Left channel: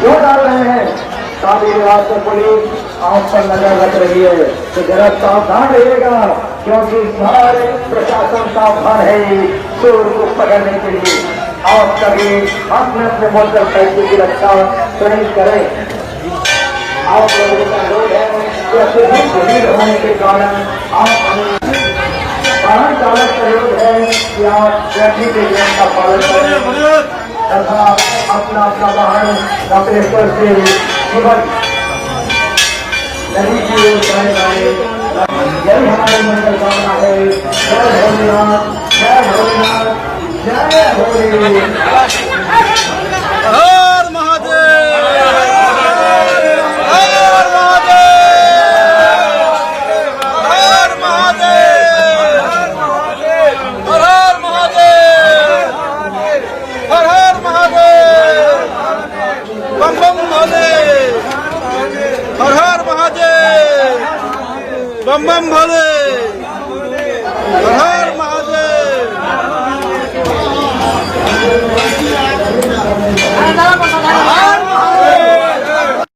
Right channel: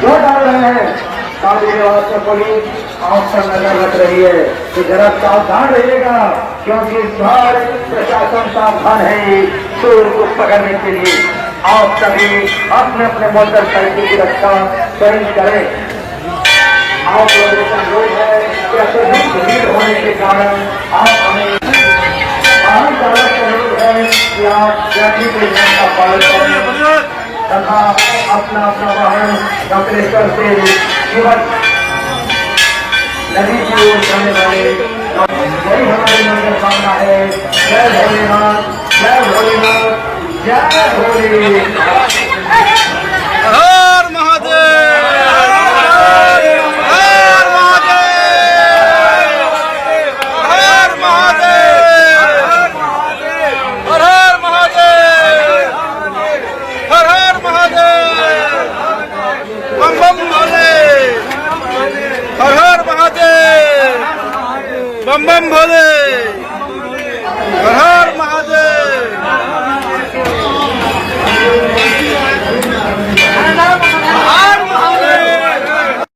वो डाल रहे हैं शादी विवाह से बड़ी आंख पर नजर रख रही है कि जरा सावधान रहिएगा, क्योंकि सारे प्रशासन सावधान है चोर को पकड़ने के लिए। आप सभी अपने अपने मोटरसाइकिल की रक्षा स्वयं करें। आप लोगों का अनुरोध है कि अत्यधिक भीड़ होने के कारण आप हमें वाहन चालक का अनुरोध है कि आप ट्रैफिक के नियम का पालन करें तथा अपना अपना वाहन अग्रेसर से केवल नदी की ओर चलने वाले। यही हमारी मंगल कामना है। जय भोलेनाथ, जय भोलेनाथ, जय भोलेनाथ। हर महादेव, हर महादेव, हर महादेव, हर हर महादेव, हर हर महादेव, बम बम भोले, हर हर महादेव, बम बम भोले, हर हर महादेव।